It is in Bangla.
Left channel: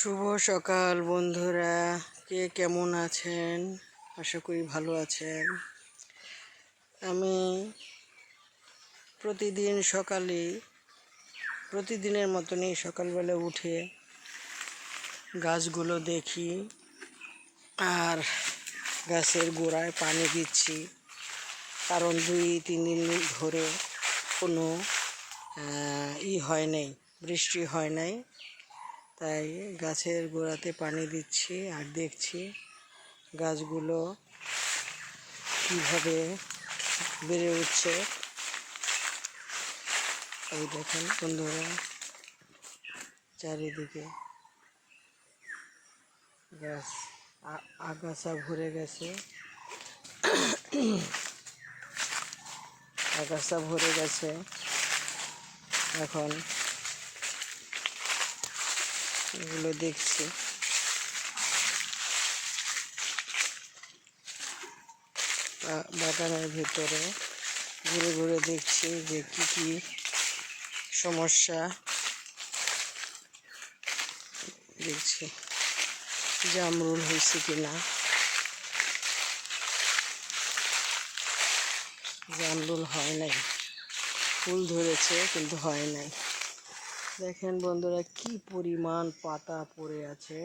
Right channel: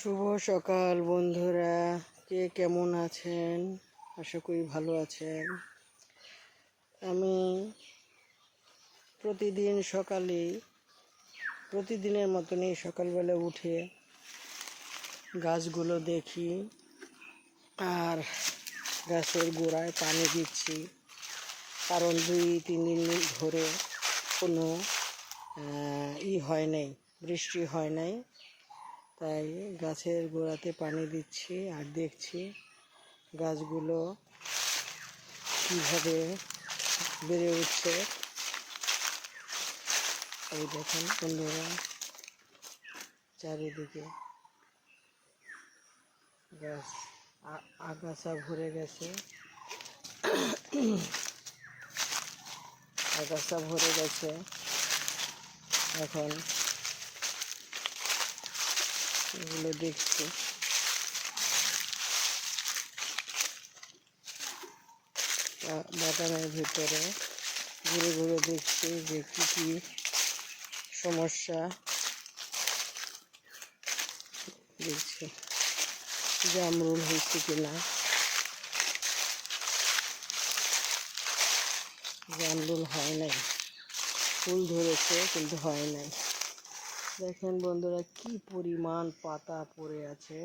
শুভ সকাল বন্ধুরা, কে কেমন আছেন? আশা করি ভালো আছেন। আমি প্রতিদিনের মতনই সকালবেলা উঠে গাছগুলো দেখি আর গাছের গোড়ায় পানি দিচ্ছি, কারণ 2-3 দিন ধরে কোনো হয় নাই, বৃষ্টি হয় নাই। তাই গাছের গোড়াতে পানি দিচ্ছি আর দেখছি গাছগুলো কীভাবে বেড়ে উঠছে। এই দেখেন বন্ধুরা, চারিদিকে গাছ আগাছা ভরে গেছে, এখন এগুলো দেখছি। বাগানের ভিতরে ঘুরে ঘুরে দেখছি যে কি কি সমস্যা। দেখছি জামরুল হয়েছে কিনা। জামরুল হয় নাই, ফুল ধরেছে কিন্তু হয় নাই। দেখেন বন্ধুরা, কি পরিমাণ পাতা পড়ে আছে।